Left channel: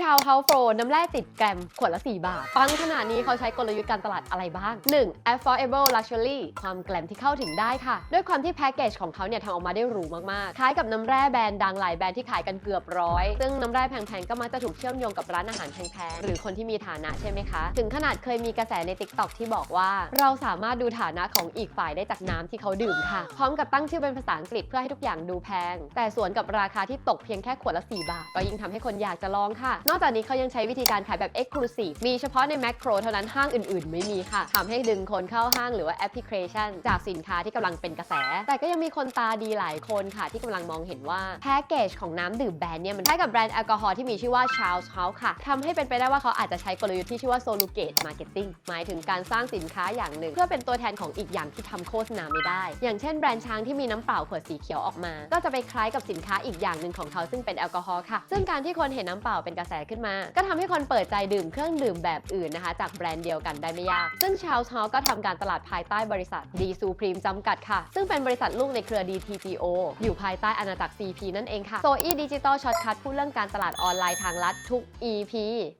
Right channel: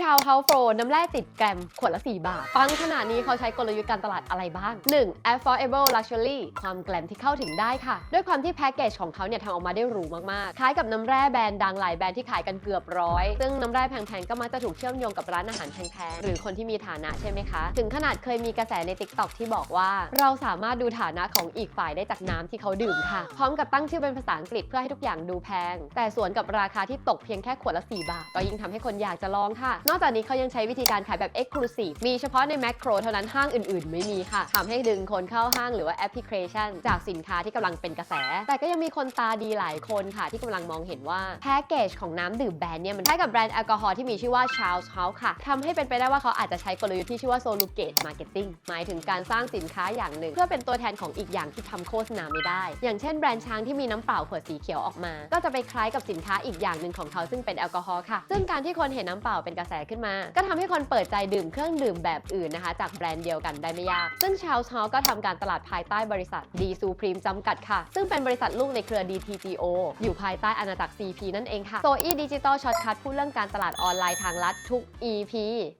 ชาวเฮาโฟน้ำแร่ติดแกรมขวดละ 4 บาท ฟังขนาดนี้เขาใช้กลยุทธ์การตลาดอะไรบ้าง 1. affordable luxury ความแกรมที่เข้าถึงได้ค่ะ ด้วยความที่แพ็กเกจของเขาเนี่ยทำออกมาได้หรูมากๆคล้ายกับน้ำแร่แบรนด์ดังหลายแบรนด์ที่ขายกันเกือบร้อย ซึ่งน้ำแร่แพงๆก็มักจะถูกเชื่อมโยงกับร้านอาหารแพงๆหรือคนที่มีฐานะใช่ไหมคะ ถึงขนาดเคยมีกระแสใน TikTok ที่บอกว่า เราสามารถดูฐานะของอีกฝ่ายได้จากน้ำที่เขาดื่มค่ะ พร้อมกับตั้งชื่อเป็นภาษาอังกฤษเพื่อให้ทุกอย่างดูแพง แต่สวนกับราคาที่ตกเพียงแค่ขวดละ 4 บาทก็ยิ่งทำให้คนอยากจะลองค่ะนอกจากนี้เขายังใช้วิธีการขายแบบ Exclusive มีเฉพาะในแมคโครเท่านั้นห้างอื่นๆ ไม่มีค่ะทำให้ดึงคนเข้าห้างหรือว่าแอปพลิเคชัน จากสินค้าที่กำลังเป็นกระแส แต่ก็ยังมีคนตาดีหลายคนค่ะ ที่กำลังมองเห็นว่าแพ็กเกจของน้ำดื่มแบรนด์เนี่ยมันคล้กับแบรนด์แอลกอฮอล์ที่มีชื่อว่า Charles House ค่ะทำให้เป็นไปได้ว่าเขาอาจจะใช้กลยุทธ์ที่ชื่อว่า Solugate Marketing หมายถึงการสร้างสินค้าอย่างหนึ่ง เพื่อเป็นตัวแทนของอีกอย่างที่ทำโฆษณาไม่ได้ อย่างเช่นแบรนด์ช้างที่มีน้ำเปล่าขวดสีเขียวออกมา ก็จะไปคล้ายกับสินค้าอีกอย่างหนึ่งของเขาซึ่งเป็นแอลกอฮอล์ค่ะ ซึ่งการที่คนเห็นน้ำเปล่าเป็นกระแสขึ้นมา ก็ทำให้คนเปิดใจดื่มเครื่องดื่มแบบอื่นนะคะ จากแบรนด์เดียวกันได้ไม่ยาก ซึ่งชาวเฮาก็ทำการตลาดภายใต้บริษัทดีซูพรีมจำกัดค่ะ ซึ่งเป็นบริษัทลูกในเครือ DTPO อยู่ภายใต้อาณาจักร CP นั่นเองค่ะโซอี้ดิจิตอลช็อตคัทพูดเรื่องการตลาดออนไลน์ทางลัดทุก EP